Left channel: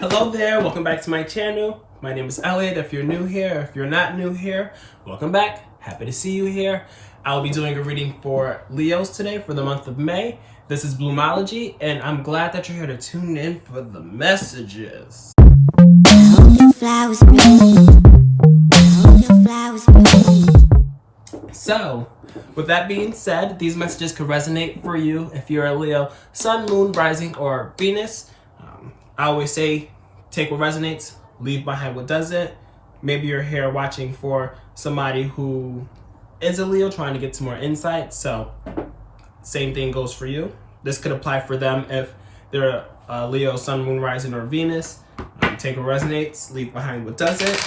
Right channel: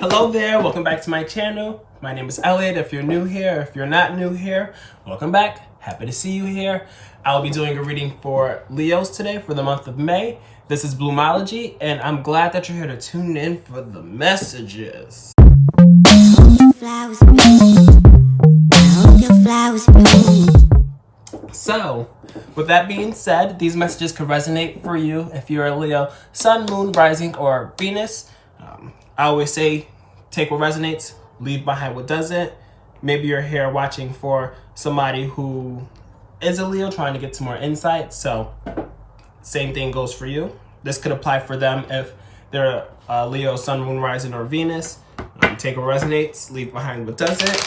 Hello there, welcome back to my channel. My name is Elliot. If you're new here, if you're not new here, welcome back. Happy to see you here. I'll be doing a reading for Leos today for the month of May. This is Bloomology, and I'm glad that you're here to tune in for the messages. So, with that being said, these messages could resonate for you if you're a Leo, Sun, Moon, Rising, or Venus. I always say, take what resonates, leave behind what doesn't. Maybe you're here watching for somebody who is a Leo trying to get some more insight. So, same thing goes for you. This could apply for them if they're a Leo, Sun, Moon, Rising, or Venus. Take what resonates, leave behind what doesn't.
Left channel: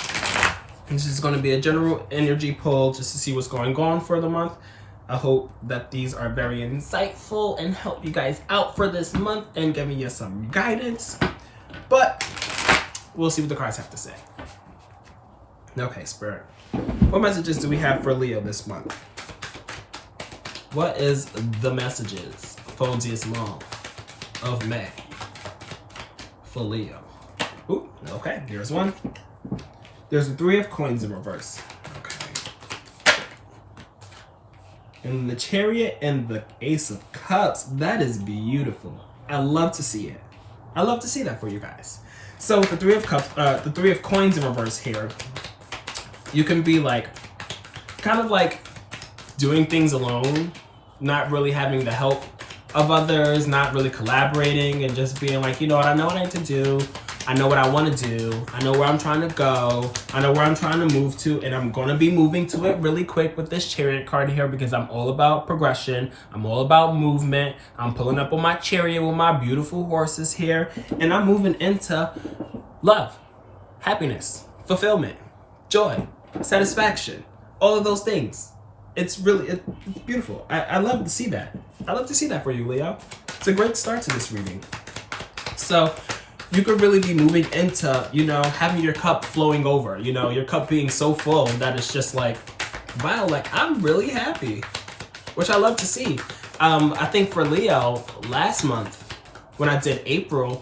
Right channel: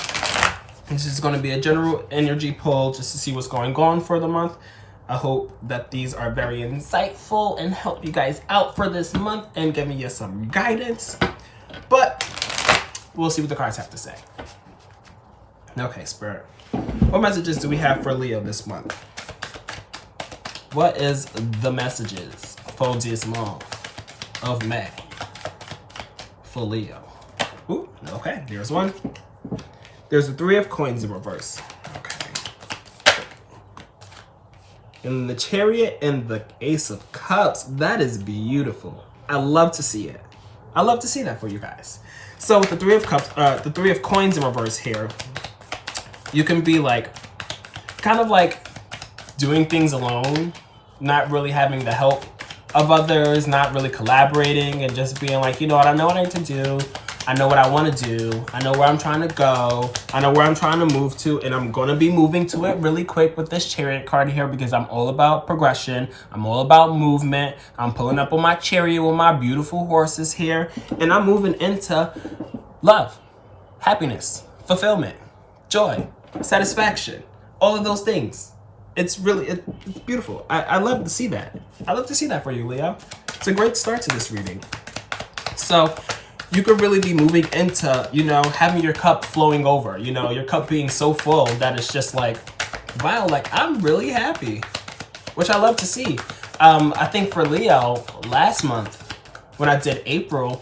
This is going to be a general energy pull just to see what's going on for the month. I hope that these are very insightful and help you guys out for this month and giving you some guidance. But we'll see what the cards have to say. Okay, Spirit. What messages do we have for Leo this month? What is the messages for this month of May for Leo? Ooh, okay, there's one. There's the Three of Coins in reverse. Okay. And the Chariot and the Ace of Cups. That is beautiful. I love to see it. I love to see that for you guys. So with the Three of Cups, the Three of Coins in reverse here, you can be like, kind of like doing things alone, not really having the help of others, not really collaborating, and just being like, you know what, I know what I need to do. I know what I want to do. I know where I'm trying to go. I know where I'm trying to move to, and I'm going to be moving to it really quick with this Chariot card here because I'm all about progression. I'm all about movement. I'm pulling up on my chariot with my beautiful horses here, and I'm moving into love, happiness, fulfillment, joy, satisfaction, all of those things. It's really, it's beautiful. I love to see that. I love to see that for you, Leo. It's a great start to this reading. So, you could really be moving into, you know, having your cup flowing over, you know, your cup being so full that it's just like, wow, like I'm really happy, which I love to see. I think for Leo, last month, when I did April,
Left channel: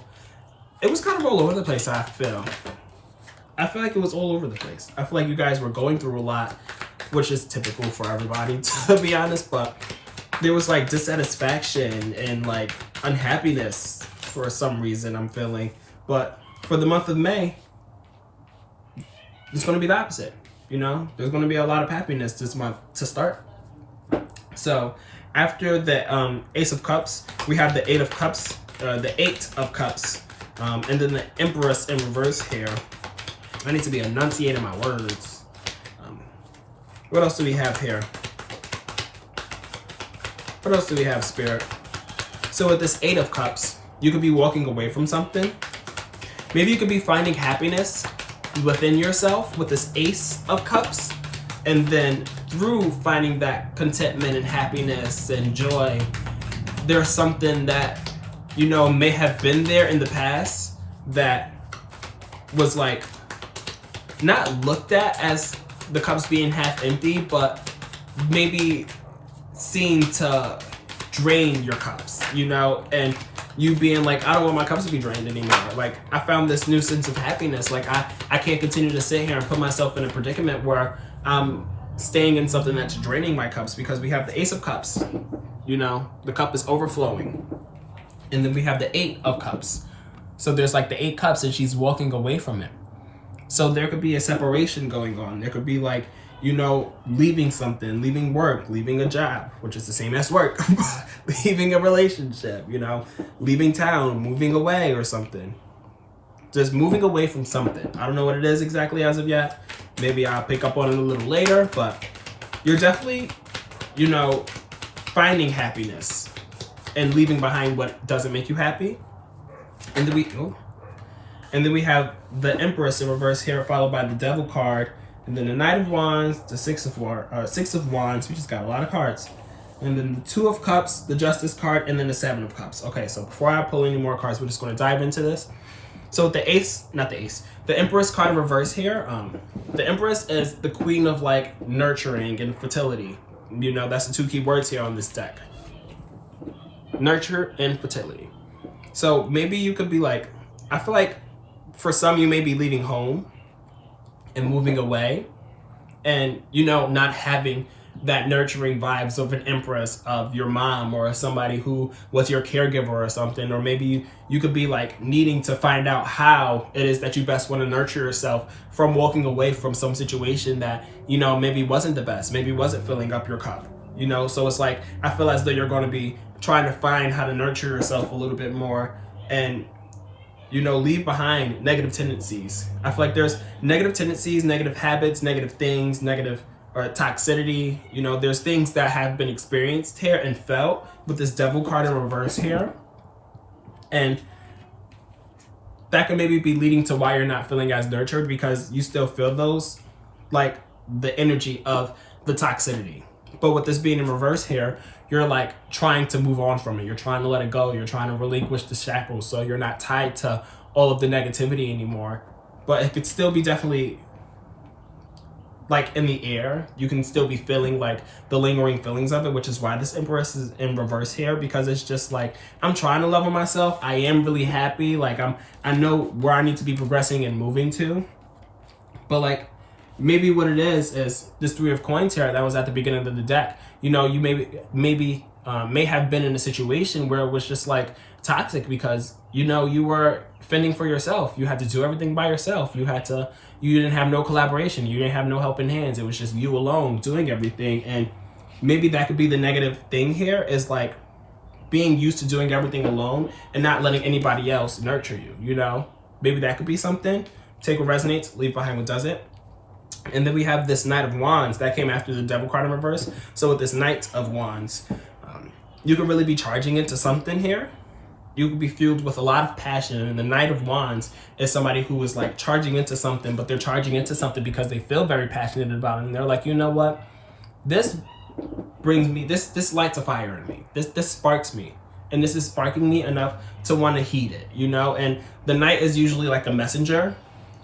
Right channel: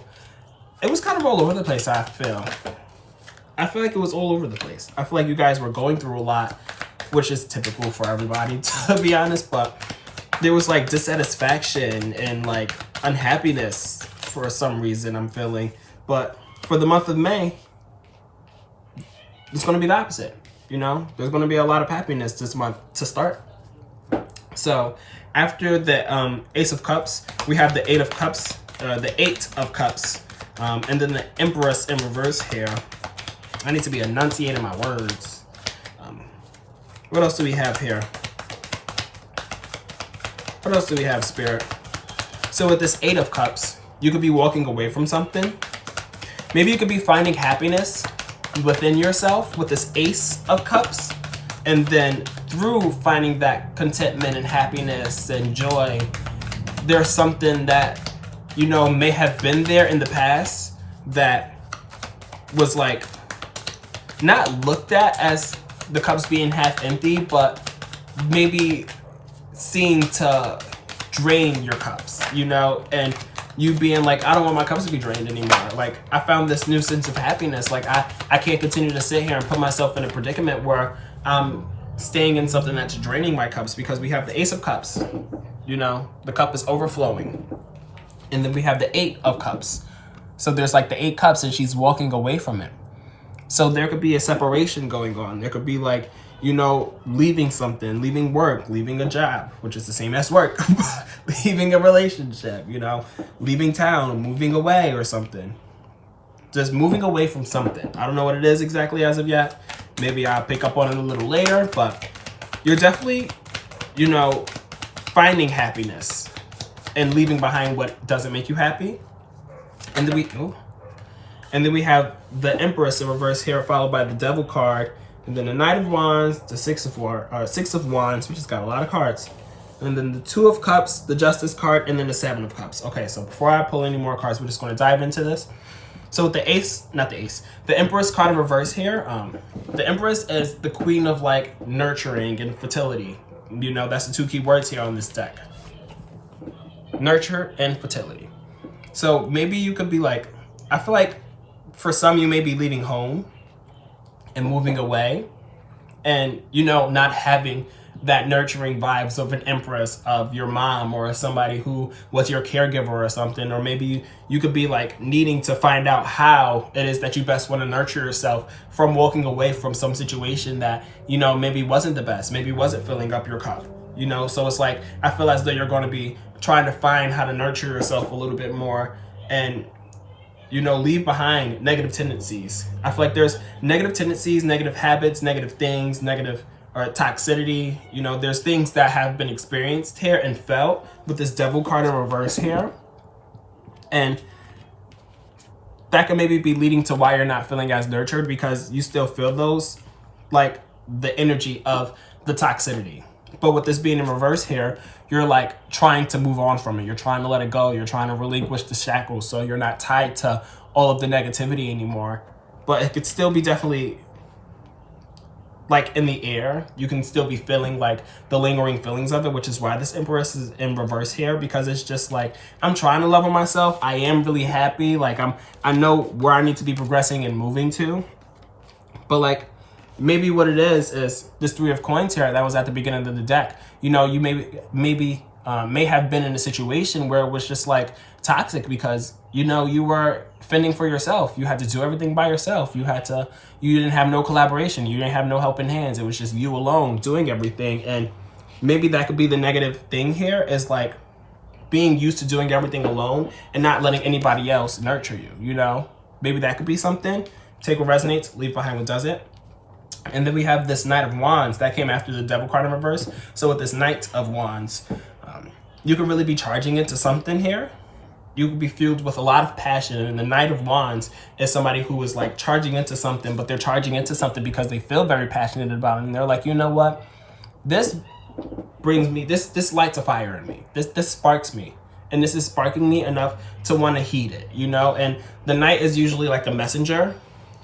it was kind of all over the place, I feel like it was all over the place. I feel like you guys were going through a lot, which is typical for everybody, to be honest, but there was like dissatisfaction and like unhappiness for some reason I'm feeling. But for the month of May, it's going to be the opposite. You know, there's going to be a lot of happiness this month to start. So after the Ace of Cups, we have the Eight of Cups, and then the Empress in reverse here. I need to be enunciating my words. What else do we have here? What else do we have, Spirit? So with this Eight of Cups, you could be walking away from something. Maybe you could be finding happiness within yourself with this Ace of Cups. And then through finding that contentment and happiness and joy, there's something that, you know, may have been there in the past that was like not looked at as the cups being half empty, but maybe seen to drain your cups, you know, and you being like, I don't want my cups to be drained anymore. Like, I found this new sense of happiness. Like, I can't continue to sit here and put myself in a predicament where I'm staying in something that's draining my cups, because we have the Ace of Cups, you know, the cup is overflowing. And then we have the Eight of Cups. So there's like the 8 cups and she's walking away from it. So there could be a separation going on. There could be like, you know, leaving something, leaving work, leaving a job, which is the same as work, leaving a relationship, you know, leaving town, moving away or something. Just moving away from something. I don't know what it is exactly as of yet. Maybe I'll pick up on it a little later, but you're definitely, you know, finding happiness and leaving behind what doesn't make you happy. And then we have the Empress in reverse here, followed by the Devil card. And then the Knight of Wands, the Six of Wands, we just got a lot of cards. And then the Two of Cups, the Justice card, and then the Seven of Cups. Okay, so before I pull any more cards, we're just going to dive into this. So with the Empress card in reverse here, the Empress is the queen of like nurturing and fertility. You know, that's the 2 key words here on this deck. Nurture and fertility. So maybe you could be like, I feel like for some, you may be leaving home and moving away, and not having that nurturing vibes of an empress, of your mom, or somebody who was your caregiver or something. Or maybe you could be like needing to find out how it is that you best want to nurture yourself from walking away from some situation that maybe wasn't the best, maybe wasn't filling up your cup. So it's like, I feel as though you're going to be trying to find how to nurture yourself a little bit more, and leave behind negative tendencies. I feel like there's negative tendencies, negative habits, negative things, negative or toxicity. There's things that have been experienced here and felt with this devil card in reverse here. And that can maybe be leading to why you're not feeling as nurtured, because you still feel those, like the energy of the toxicity. But with this being in reverse here, you're like trying to move on from it. You're trying to let it go. You're trying to relinquish the shackles, so you're not tied to all of the negativity anymore. But it could still be definitely like in the air. You can still be feeling like the lingering feelings of it, which is why this Empress is in reverse here, because it's just like, I'm trying to level myself. I am really happy. Like I know where I need to be progressing and moving to. But like, maybe what it is this Three of Coins here that was at the beginning of the deck. You may have been in a situation where it was just like toxic, because you were fending for yourself. You had to do everything by yourself. You didn't have no collaboration. You didn't have no helping hands. It was just you alone doing everything. And maybe that could be the negative thing here, is like being used to doing everything alone and not letting anybody else nurture you. Maybe that could be something. Take what resonates, leave behind what doesn't. And then we have this Knight of Wands that came after the Devil card in reverse. So with this Knight of Wands, you can really be charging into something here. You could be fueled with a lot of passion. And the Knight of Wands is somebody who is like charging into something, but they're charging into something because they feel very passionate about it. And they're like, you know what? This brings me, this lights a fire in me. This sparks me. And this is sparking me enough to want to heed it, And the Knight is usually like a messenger.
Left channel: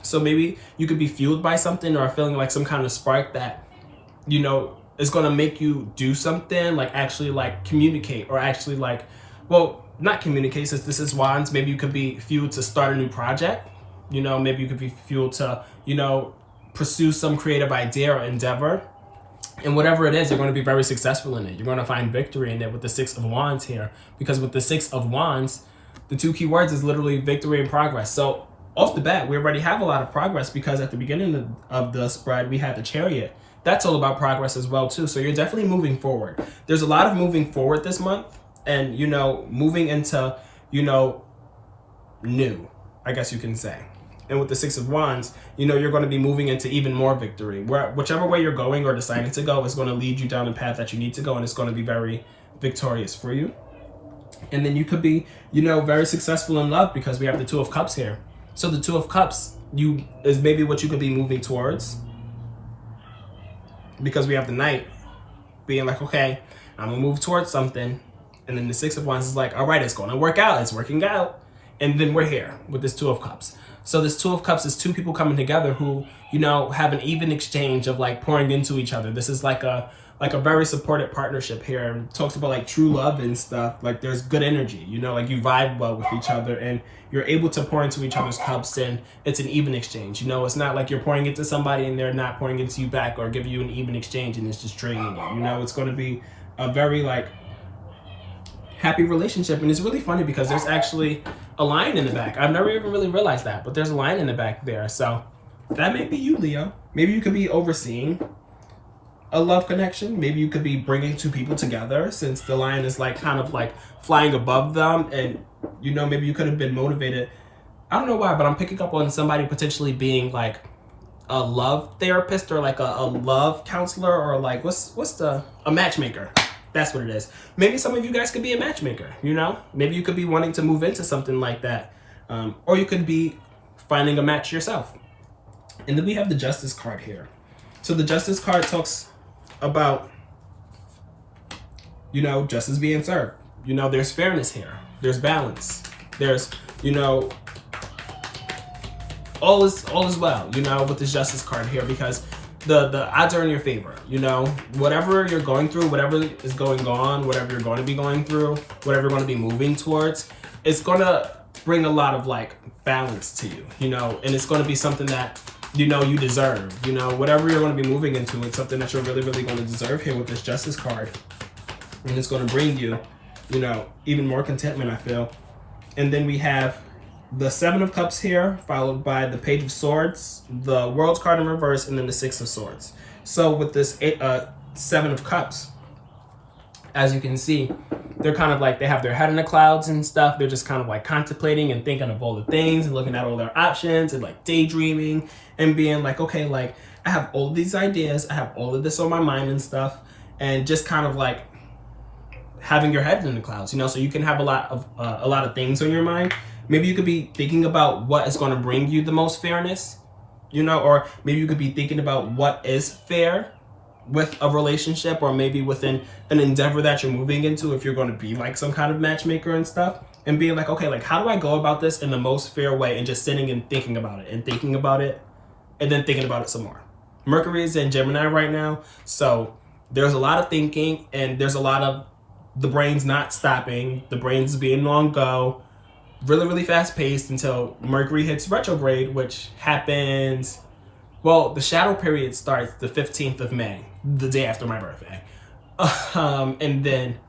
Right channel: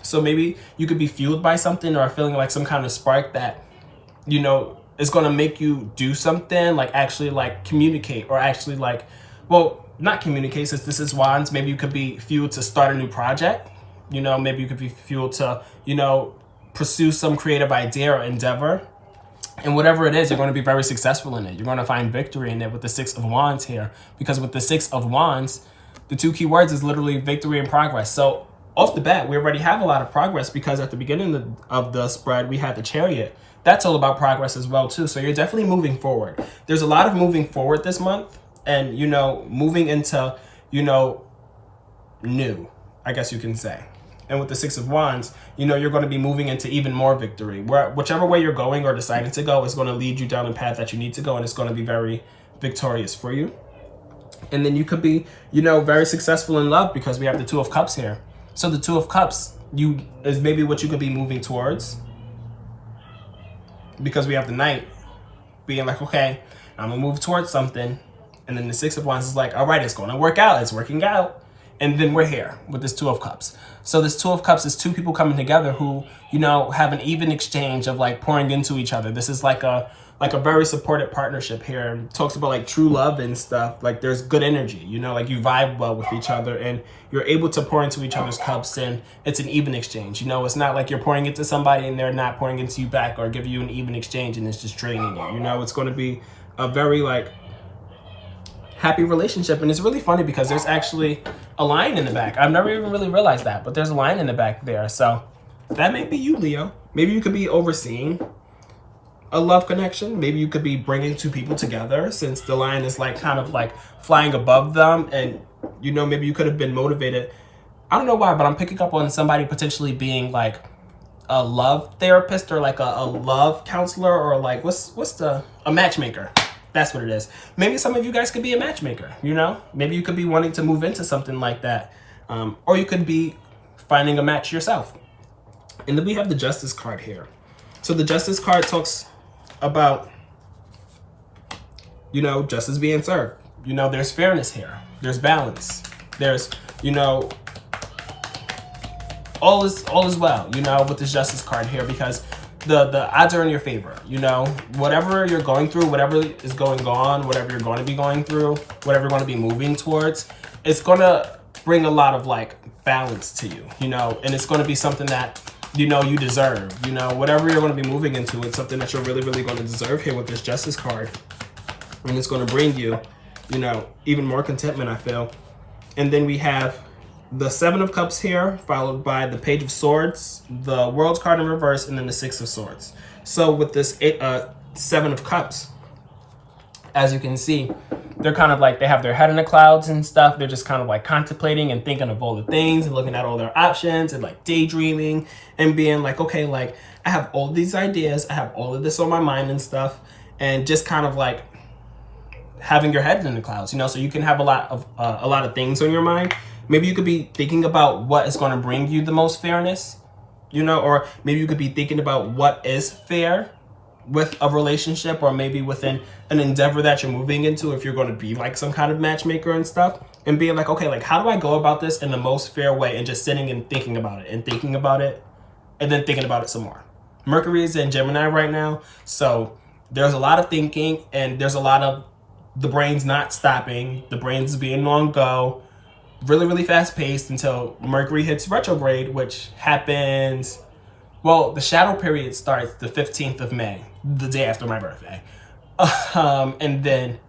So maybe you could be fueled by something, or feeling like some kind of spark that, is going to make you do something, like actually like communicate, or actually like, well, not communicate, since this is Wands. Maybe you could be fueled to start a new project. Maybe you could be fueled to, pursue some creative idea or endeavor. And whatever it is, you're going to be very successful in it. You're going to find victory in it with the Six of Wands here. Because with the Six of Wands, the two key words is literally victory and progress. So off the bat, we already have a lot of progress, because at the beginning of the spread, we had the Chariot. That's all about progress as well, too. So you're definitely moving forward. There's a lot of moving forward this month, and, moving into, new, I guess you can say. And with the Six of Wands, you're going to be moving into even more victory. Whichever way you're going or deciding to go is going to lead you down the path that you need to go, and it's going to be very victorious for you. And then you could be, very successful in love, because we have the Two of Cups here. So the Two of Cups is maybe what you could be moving towards, because we have the Knight being like, okay, I'm gonna move towards something. And then the Six of Wands is like, all right, it's going to work out. It's working out. And then we're here with this Two of Cups. So this Two of Cups is two people coming together who, have an even exchange of like pouring into each other. This is like a very supported partnership here. It talks about like true love and stuff. Like there's good energy, like you vibe well with each other, and you're able to pour into each other's cups, and it's an even exchange. It's not like you're pouring into somebody and they're not pouring into you back, or giving you an even exchange and it's just draining you. It's going to be a very like happy relationship. And it's really funny because there's actually a line in the back. I've never even really realized that, but there's a line in the back there. So that may be you, Leo. Maybe you could be overseeing a love connection. Maybe you could be bringing two people together, since the line is like kind of like flying above them. And maybe you could have been motivated. I don't know why, but I'm picking up on somebody potentially being like a love therapist, or like a love counselor, or like a matchmaker. That's what it is. Maybe some of you guys could be a matchmaker, Maybe you could be wanting to move into something like that. Or you could be finding a match yourself. And then we have the Justice card here. So the Justice card talks about, justice being served. There's fairness here. There's balance. There's, all is well, with the Justice card here, because the odds are in your favor. Whatever you're going through, whatever is going on, whatever you're going to be going through, whatever you're going to be moving towards, it's going to bring a lot of like balance to you, you know, and it's going to be something that, you know, you deserve, you know, whatever you're going to be moving into, it's something that you're really, really going to deserve here with this Justice card. And it's going to bring you, you know, even more contentment, I feel. And then we have the Seven of Cups here, followed by the Page of Swords, the World's card in reverse, and then the Six of Swords. So with this Seven of Cups, as you can see, they're kind of like, they have their head in the clouds and stuff. They're just kind of like contemplating and thinking of all the things and looking at all their options and like daydreaming and being like, okay, like I have all of these ideas, I have all of this on my mind and stuff, and just kind of like having your head in the clouds, you know, so you can have a lot of things on your mind. Maybe you could be thinking about what is going to bring you the most fairness, you know, or maybe you could be thinking about what is fair with a relationship, or maybe within an endeavor that you're moving into, if you're going to be like some kind of matchmaker and stuff, and being like, okay, like how do I go about this in the most fair way, and just sitting and thinking about it and thinking about it and then thinking about it some more. Mercury is in Gemini right now, so there's a lot of thinking and there's a lot of the brain's not stopping, the brain's being on go, really, really fast paced until Mercury hits retrograde, which happens, well, the shadow period starts the 15th of May, the day after my birthday. And then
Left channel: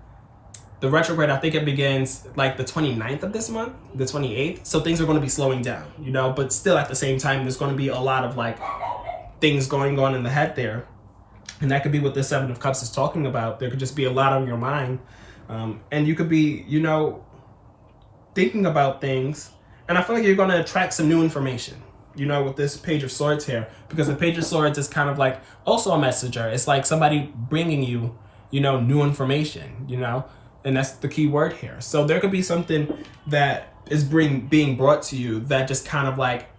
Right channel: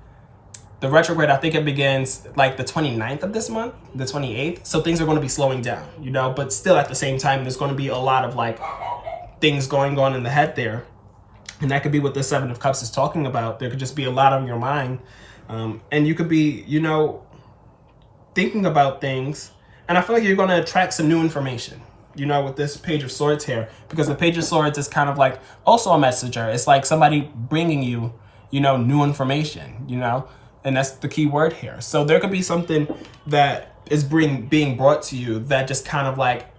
the retrograde, I think it begins like the 29th of this month, the 28th. So things are going to be slowing down, you know, but still at the same time, there's going to be a lot of like things going on in the head there. And that could be what the Seven of Cups is talking about. There could just be a lot on your mind. And you could be, you know, thinking about things. And I feel like you're going to attract some new information, you know, with this Page of Swords here, because the Page of Swords is kind of like also a messenger. It's like somebody bringing you, you know, new information, you know, and that's the key word here. So there could be something that is being brought to you that just kind of like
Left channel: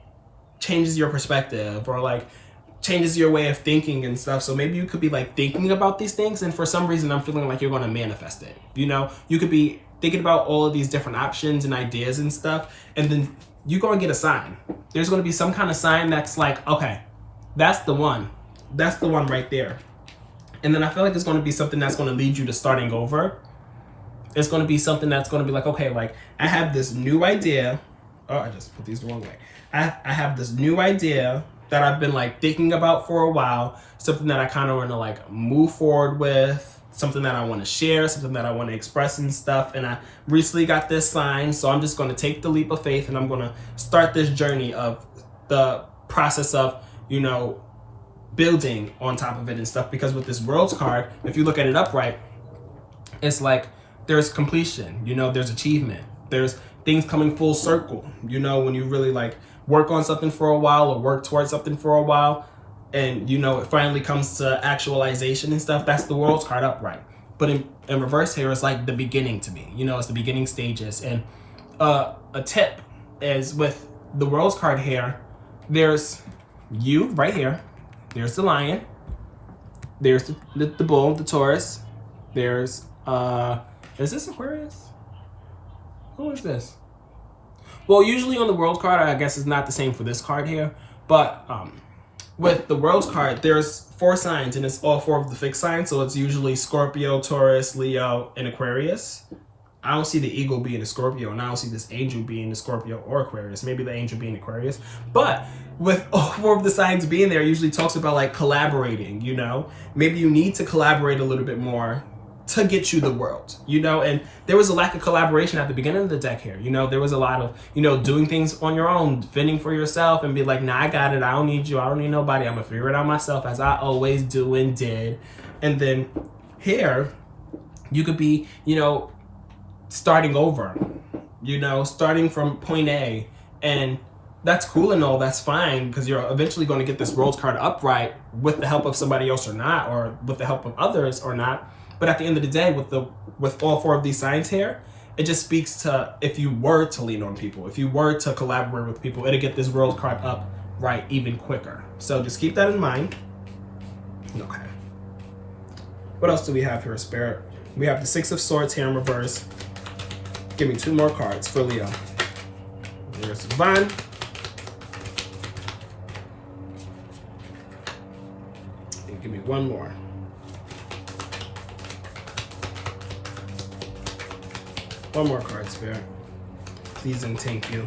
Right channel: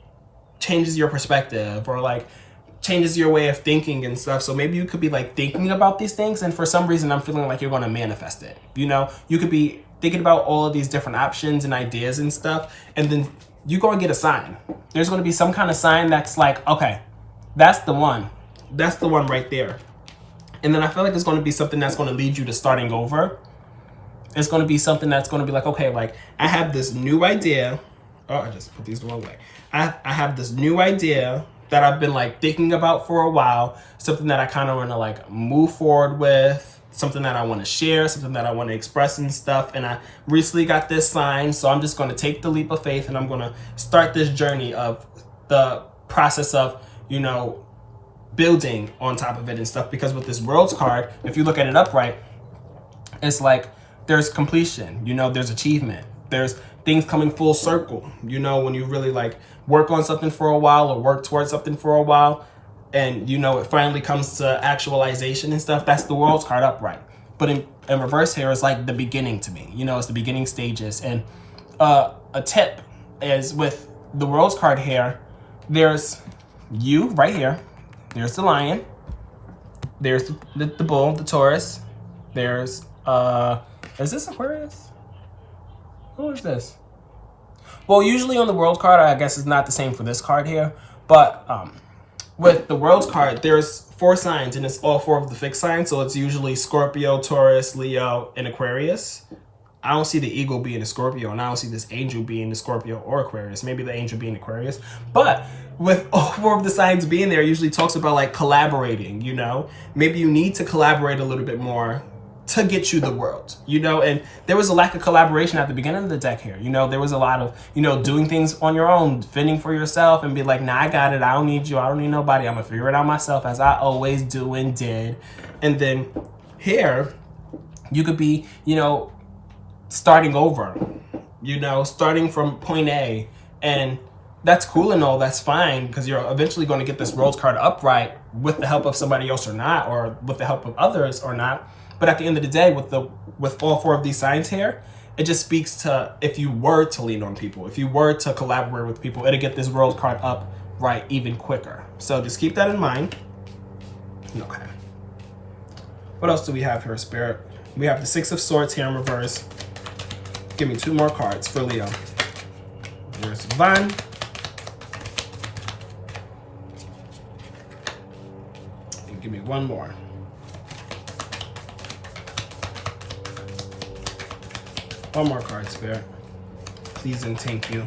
changes your perspective, or like changes your way of thinking and stuff. So maybe you could be like thinking about these things, and for some reason I'm feeling like you're going to manifest it. You know, you could be thinking about all of these different options and ideas and stuff, and then you go and get a sign. There's going to be some kind of sign that's like, okay, that's the one. That's the one right there. And then I feel like there's going to be something that's going to lead you to starting over. It's going to be something that's going to be like, okay, like I have this new idea. Oh, I just put these the wrong way. I have this new idea that I've been like thinking about for a while, something that I kind of want to like move forward with, something that I want to share, something that I want to express and stuff. And I recently got this sign, so I'm just going to take the leap of faith and I'm going to start this journey of the process of, you know, building on top of it and stuff. Because with this World's card, if you look at it upright, it's like there's completion, you know, there's achievement, there's things coming full circle, you know, when you really like work on something for a while or work towards something for a while, and you know it finally comes to actualization and stuff. That's the World's card upright. But in reverse here is like the beginning to me, you know, it's the beginning stages. And a tip is with the World's card here, there's you right here, there's the lion, there's the bull, the Taurus, there's is this Aquarius? Who is this? Well, usually on the World card, I guess it's not the same for this card here, but with the World's card, there's 4 signs, and it's all 4 of the fixed signs. So it's usually Scorpio, Taurus, Leo, and Aquarius. I don't see the eagle being a Scorpio, and I don't see this angel being a Scorpio or Aquarius. Maybe the angel being Aquarius. But with all 4 of the signs being there, it usually talks about like collaborating, you know? Maybe you need to collaborate a little bit more to get you the world, you know? And there was a lack of collaboration at the beginning of the deck here. You know, there was a lot of, you know, doing things on your own, fending for yourself and be like, nah, I got it. I don't need you. I don't need nobody. I'm gonna figure it out myself, as I always do and did. And then here, you could be, you know, starting over, you know, starting from point A. And that's cool and all, that's fine, because you're eventually going to get this World's card upright with the help of somebody else or not, or with the help of others or not. But at the end of the day, with all 4 of these signs here, it just speaks to if you were to lean on people, if you were to collaborate with people, it'll get this World card up right even quicker. So just keep that in mind. Okay. What else do we have here, Spirit? We have the 6 of Swords here in reverse. Give me 2 more cards for Leo. There's Van. And give me 1 more. One more card, Spirit. Please and thank you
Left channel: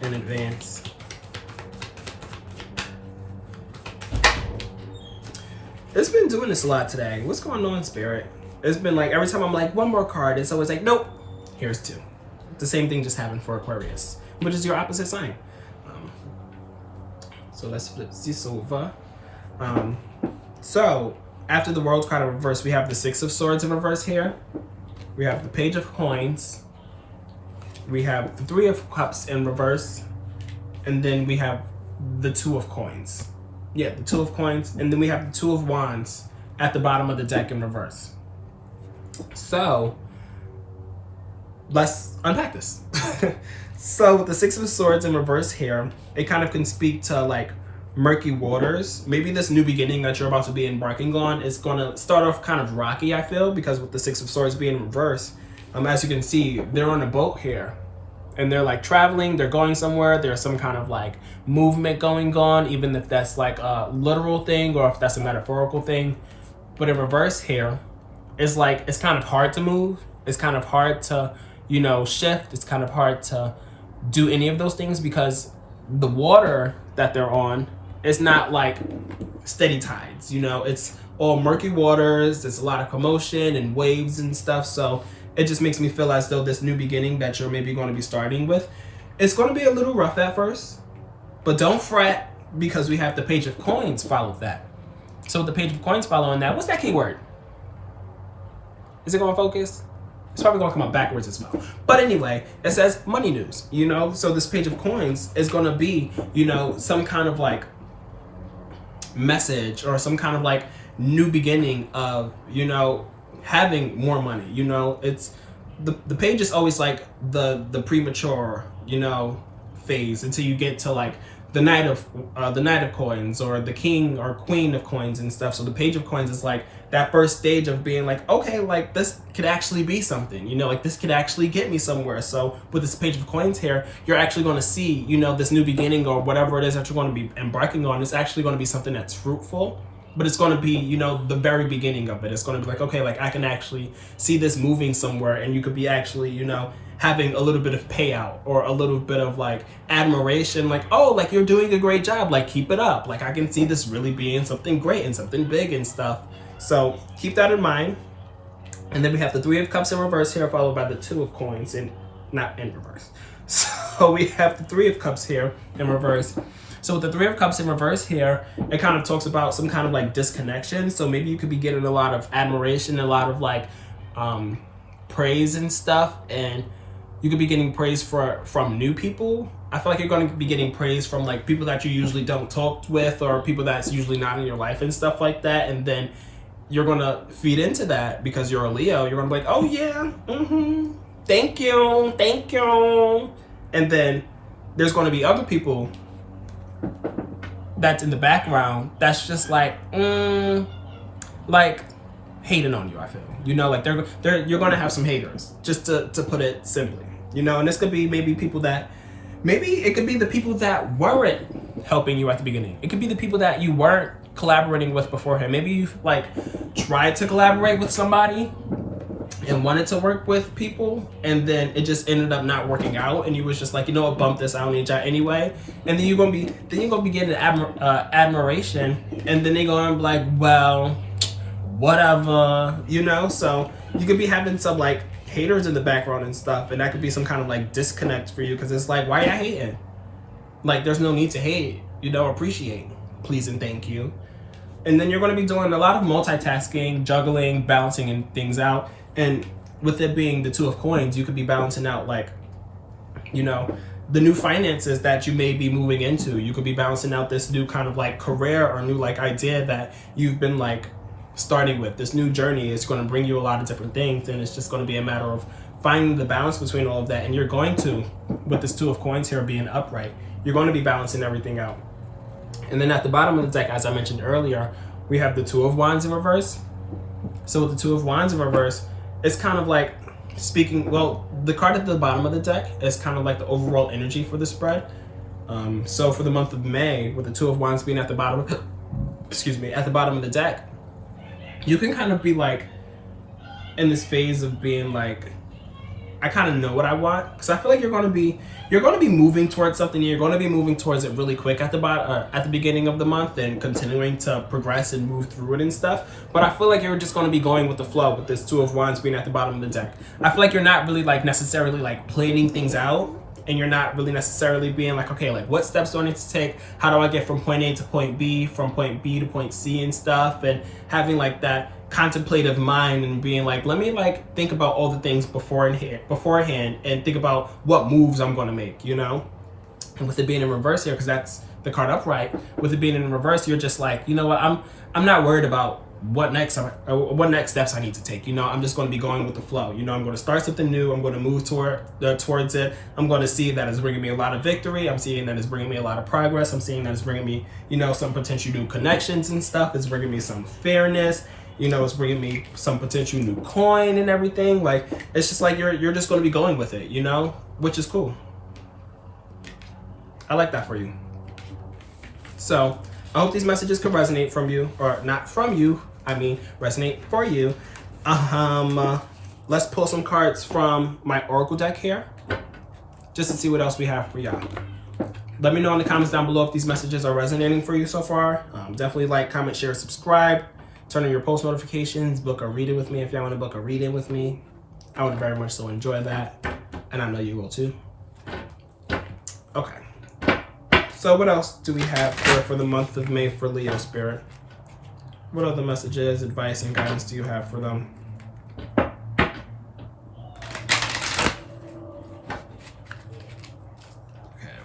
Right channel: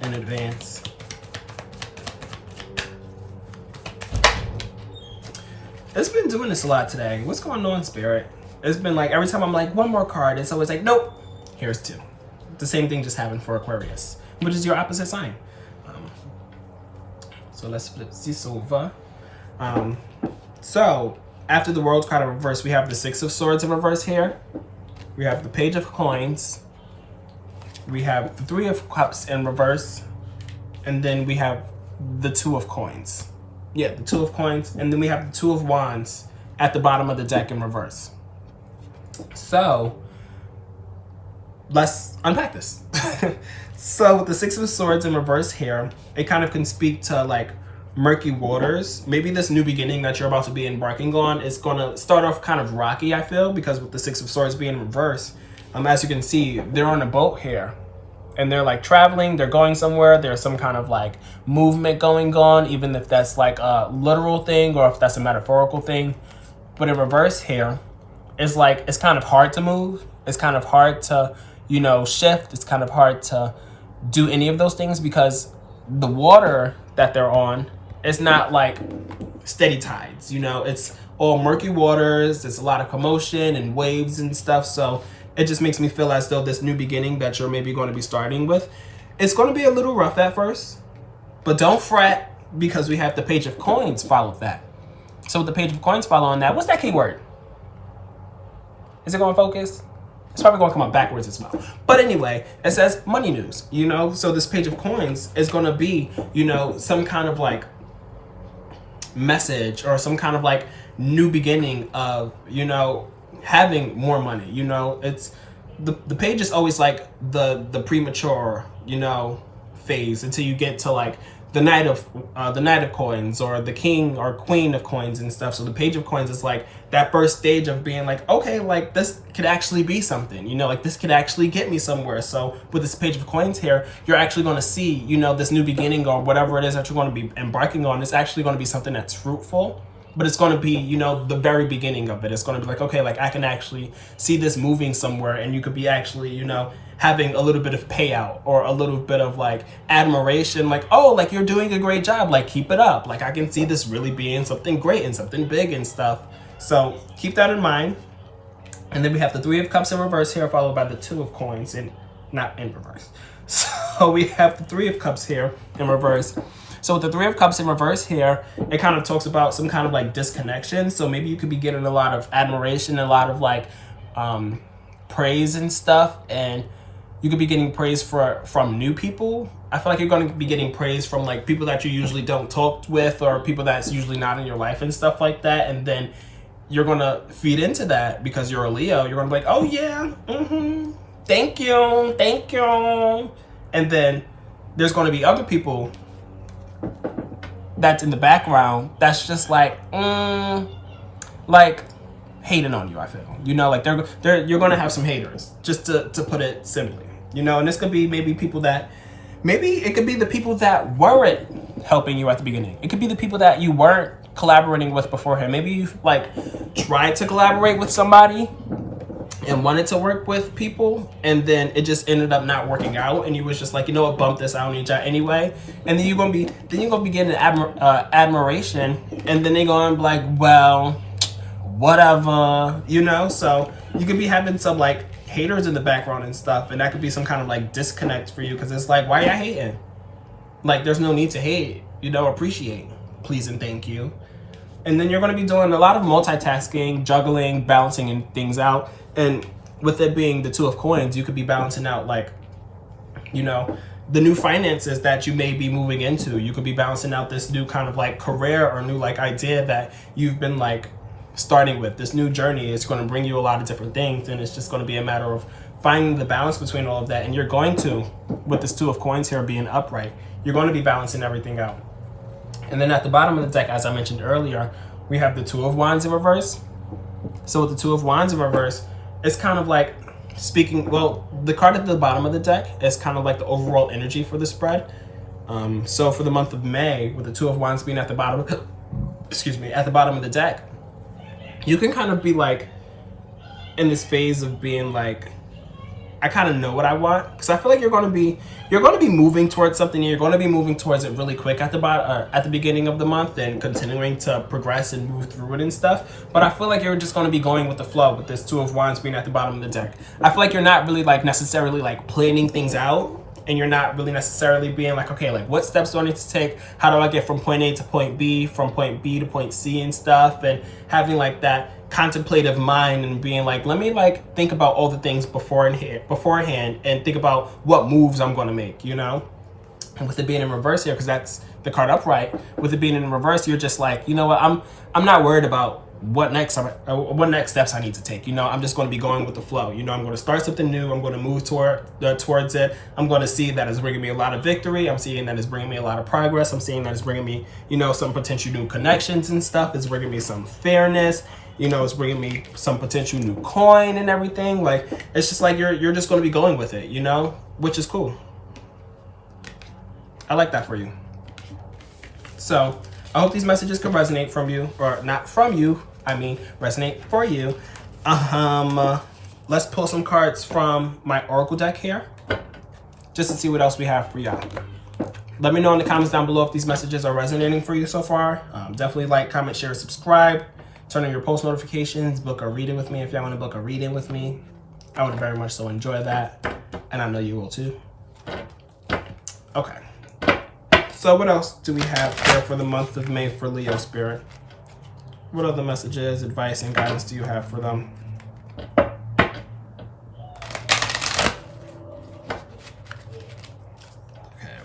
in advance. It's been doing this a lot today. What's going on, Spirit? It's been like, every time I'm like, one more card, it's always like, nope, here's two. The same thing just happened for Aquarius, which is your opposite sign. So let's flip this over. So after the World card in reverse, we have the Six of Swords in reverse here. We have the Page of Coins. We have the Three of Cups in reverse. And then we have the Two of Coins. Yeah, the Two of Coins. And then we have the Two of Wands at the bottom of the deck in reverse. So let's unpack this. So with the Six of Swords in reverse here, it kind of can speak to like murky waters. Maybe this new beginning that you're about to be embarking on is going to start off kind of rocky, I feel, because with the Six of Swords being in reverse, as you can see, they're on a boat here. And they're like traveling, they're going somewhere, there's some kind of like movement going on, even if that's like a literal thing or if that's a metaphorical thing. But in reverse here, it's like, it's kind of hard to move. It's kind of hard to, you know, shift. It's kind of hard to do any of those things because the water that they're on is not like steady tides, you know, it's all murky waters. There's a lot of commotion and waves and stuff. So it just makes me feel as though this new beginning that you're maybe going to be starting with, it's going to be a little rough at first, but don't fret because we have the Page of Coins follow that. So with the Page of Coins following that, what's that keyword? Is it going to focus? It's probably going to come up backwards as well. But anyway, it says money news, you know? So this Page of Coins is going to be, you know, some kind of like message or some kind of like new beginning of, you know, having more money. You know, it's the page is always like the premature, you know, phase until you get to like the Knight of Coins or the King or Queen of Coins and stuff. So the Page of Coins is like that first stage of being like, okay, like this could actually be something, you know, like this could actually get me somewhere. So with this Page of Coins here, you're actually going to see, you know, this new beginning or whatever it is that you're going to be embarking on. It's actually going to be something that's fruitful, but it's going to be, you know, the very beginning of it. It's going to be like, okay, like I can actually see this moving somewhere, and you could be actually, you know, having a little bit of payout or a little bit of like admiration, like, oh, like you're doing a great job, like keep it up. Like I can see this really being something great and something big and stuff. So keep that in mind. And then we have the Three of Cups in reverse here, followed by the Two of Coins and not in reverse. So we have the Three of Cups here in reverse. So with the Three of Cups in reverse here, it kind of talks about some kind of like disconnection. So maybe you could be getting a lot of admiration, a lot of like praise and stuff, and you could be getting praise from new people. I feel like you're going to be getting praise from like people that you usually don't talk with or people that's usually not in your life and stuff like that. And then you're going to feed into that because you're a Leo. You're going to be like, oh yeah, thank you. And then there's going to be other people that's in the background that's just like hating on you. I feel, you know, like you're gonna have some haters, just to put it simply, you know. And this could be maybe people that it could be the people that weren't helping you at the beginning. It could be the people that you weren't collaborating with beforehand. Maybe you like tried to collaborate with somebody and wanted to work with people, and then it just ended up not working out, and you was just like, you know what, bump this, I don't need y'all anyway. And then you're gonna be getting admiration, and then they're gonna be like, well, whatever, you know. So you could be having some like haters in the background and stuff, and that could be some kind of like disconnect for you, because it's like, why y'all hating? Like, there's no need to hate, you know. Appreciate, please and thank you. And then you're going to be doing a lot of multitasking, juggling, balancing things out. And with it being the Two of Coins, you could be balancing out, like, you know, the new finances that you may be moving into. You could be balancing out this new kind of like career or new like idea that you've been like starting with. This new journey is going to bring you a lot of different things, and it's just going to be a matter of finding the balance between all of that. And you're going to, with this Two of Coins here being upright, you're going to be balancing everything out. And then at the bottom of the deck, as I mentioned earlier, we have the Two of Wands in reverse. So with the Two of Wands in reverse, it's kind of like speaking, well, the card at the bottom of the deck is kind of like the overall energy for the spread. So for the month of May, with the Two of Wands being at the bottom, at the bottom of the deck, you can kind of be like in this phase of being like I kind of know what I want, because I feel like you're going to be moving towards something. You're going to be moving towards it really quick at the beginning of the month, and continuing to progress and move through it and stuff. But I feel like you're just going to be going with the flow with this Two of Wands being at the bottom of the deck. I feel like you're not really like necessarily like planning things out, and you're not really necessarily being like, okay, like what steps do I need to take? How do I get from point A to point B, from point B to point C and stuff, and having like that contemplative mind and being like, let me like think about all the things beforehand and think about what moves I'm going to make, you know? And with it being in reverse here, because that's the card upright, with it being in reverse, you're just like, you know what, I'm not worried about what next steps I need to take. You know, I'm just going to be going with the flow. You know, I'm going to start something new. I'm going to move towards it. I'm going to see that it's bringing me a lot of victory. I'm seeing that it's bringing me a lot of progress. I'm seeing that it's bringing me, you know, some potential new connections and stuff. It's bringing me some fairness. You know, it's bringing me some potential new coin and everything. Like, it's just like you're just going to be going with it, you know, which is cool. I like that for you. So I hope these messages can resonate from you, or not from you. I mean, resonate for you. Let's pull some cards from my Oracle deck here, just to see what else we have for y'all. Let me know in the comments down below if these messages are resonating for you so far. Definitely like, comment, share, subscribe. Turn on your post notifications. Book a reading with me if y'all want to book a reading with me. I would very much so enjoy that, and I know you will too. Okay. So what else do we have here for the month of May for Leo Spirit? What other messages, advice, and guidance do you have for them? Okay,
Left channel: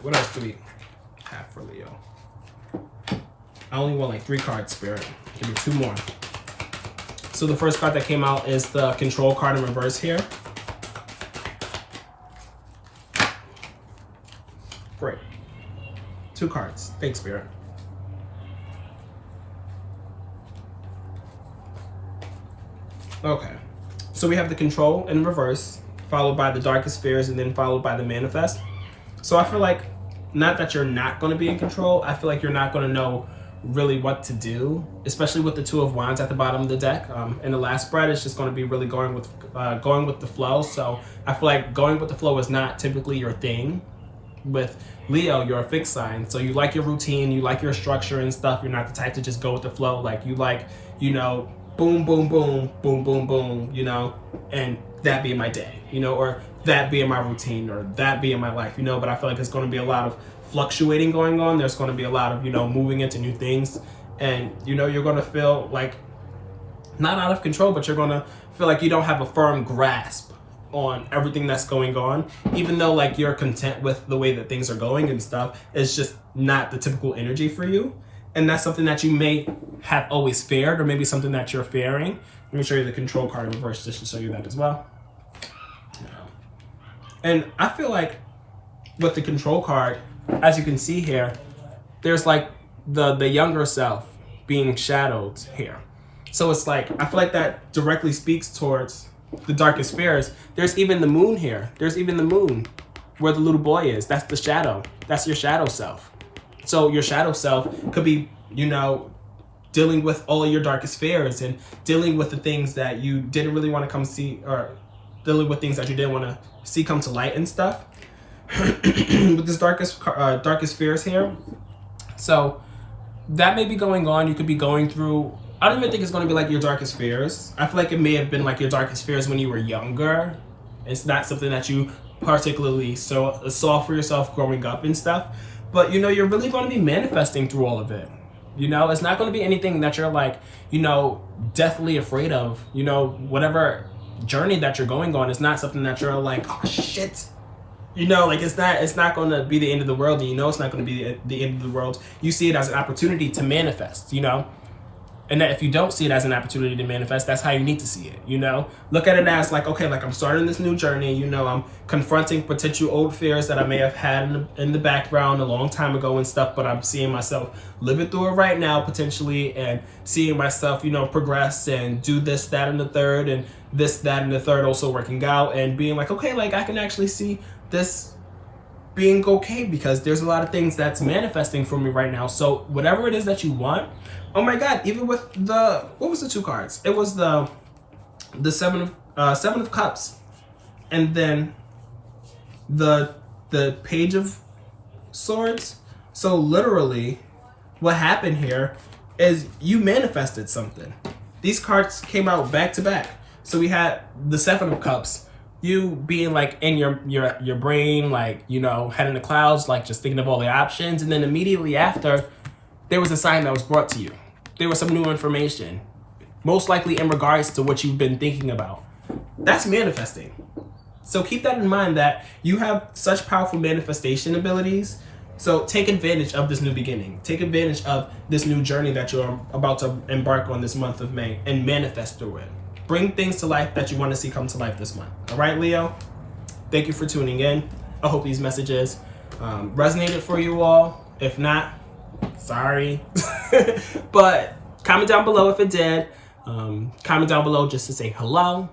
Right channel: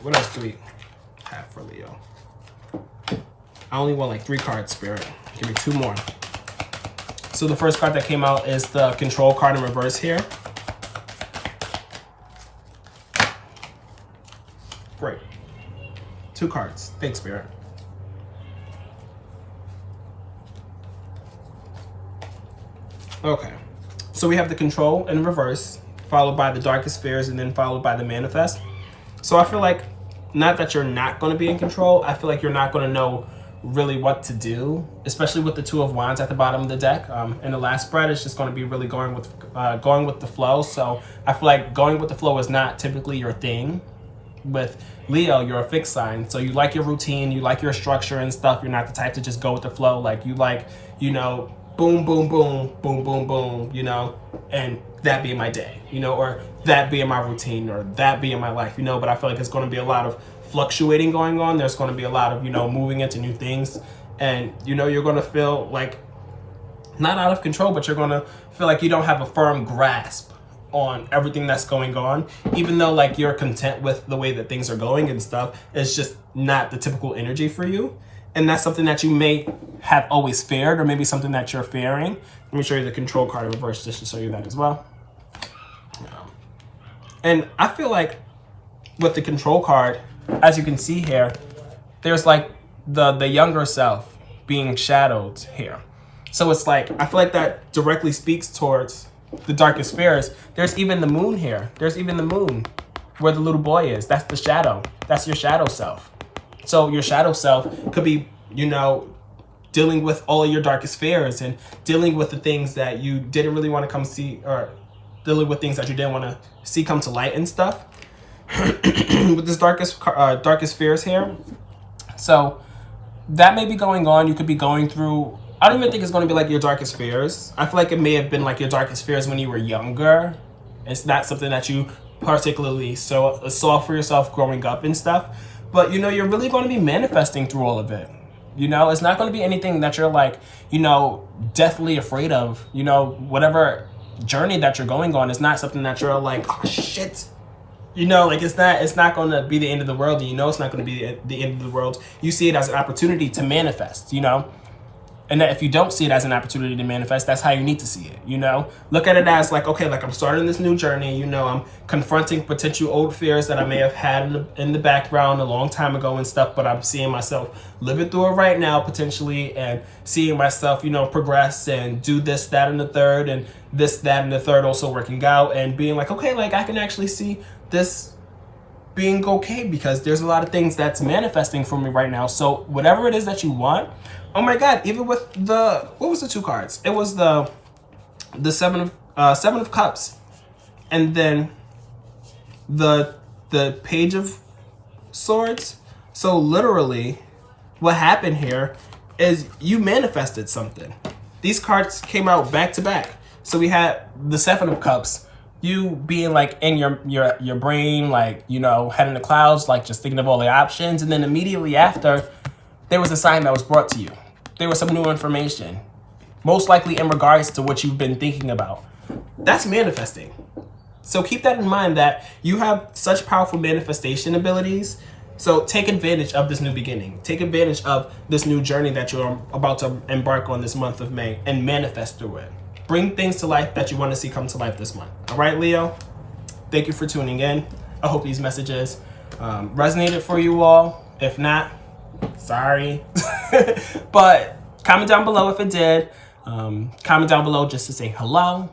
what else do we have for Leo? I only want like 3 cards, Spirit. Give me 2 more. So the first card that came out is the Control card in reverse here. Great. 2 cards. Thanks, Spirit. Okay. So we have the Control in reverse, followed by the Darkest Fears, and then followed by the Manifest. So I feel like, not that you're not going to be in control, I feel like you're not going to know really what to do, especially with the Two of Wands at the bottom of the deck. In the last spread, it's just going to be really going with the flow. So I feel like going with the flow is not typically your thing. With Leo, you're a fixed sign, so you like your routine, you like your structure and stuff. You're not the type to just go with the flow. Like, you like, you know, boom, boom, boom, boom, boom, boom, you know, and that being my day, you know, or that being my routine, or that being my life, you know. But I feel like it's going to be a lot of fluctuating going on. There's going to be a lot of, you know, moving into new things, and, you know, you're going to feel like not out of control, but you're going to feel like you don't have a firm grasp on everything that's going on, even though like you're content with the way that things are going and stuff. It's just not the typical energy for you, and that's something that you may have always feared, or maybe something that you're fearing. Let me show you the Control card in reverse just to show you that as well. And I feel like with the Control card, as you can see here, there's like the younger self being shadowed here. So it's like, I feel like that directly speaks towards the Darkest Fears. There's even the moon here. There's even the moon where the little boy is. That's the shadow. That's your shadow self. So your shadow self could be, you know, dealing with all of your darkest fears, and dealing with the things that you didn't really want to come see, or dealing with things that you didn't want to see come to light and stuff. With this darkest fears here. So that may be going on. You could be going through, I don't even think it's going to be like your darkest fears. I feel like it may have been like your darkest fears when you were younger. It's not something that you particularly saw for yourself growing up and stuff. But, you know, you're really going to be manifesting through all of it. You know, it's not going to be anything that you're like, you know, deathly afraid of. You know, whatever journey that you're going on is not something that you're like, oh shit. You know, like it's not going to be the end of the world, and you know it's not going to be the end of the world. You see it as an opportunity to manifest, you know? And that if you don't see it as an opportunity to manifest, that's how you need to see it, you know? Look at it as like, okay, like I'm starting this new journey, you know, I'm confronting potential old fears that I may have had in the background a long time ago and stuff, but I'm seeing myself living through it right now potentially, and seeing myself, you know, progress and do this, that, and the third, and this, that, and the third also working out, and being like, okay, like I can actually see this being okay, because there's a lot of things that's manifesting for me right now. So whatever it is that you want, oh my God, even with what was the 2 cards? It was the seven of Cups and then the Page of Swords. So literally, what happened here is you manifested something. These cards came out back to back. So we had the Seven of Cups, you being like in your brain, like, you know, head in the clouds, like just thinking of all the options. And then immediately after, there was a sign that was brought to you. There was some new information, most likely in regards to what you've been thinking about. That's manifesting. So keep that in mind, that you have such powerful manifestation abilities. So take advantage of this new beginning. Take advantage of this new journey that you're about to embark on this month of May and manifest through it. Bring things to life that you want to see come to life this month. All right, Leo? Thank you for tuning in. I hope these messages resonated for you all. If not, sorry. But comment down below if it did. Comment down below just to say hello.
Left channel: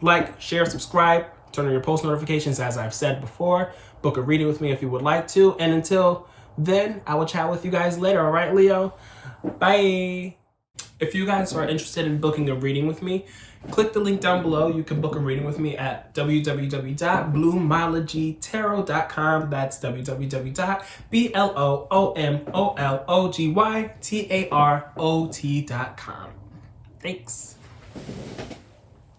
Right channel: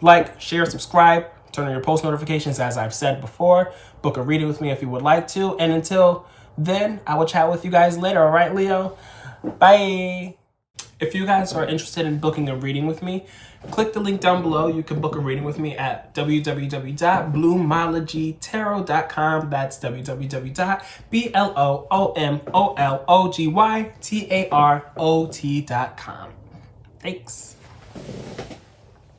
Like, share, subscribe. Turn on your post notifications, as I've said before. Book a reading with me if you would like to. And until then, I will chat with you guys later. All right, Leo? Bye. If you guys are interested in booking a reading with me, click the link down below. You can book a reading with me at www.bloomologytarot.com. That's www.bloomologytarot.com. Thanks.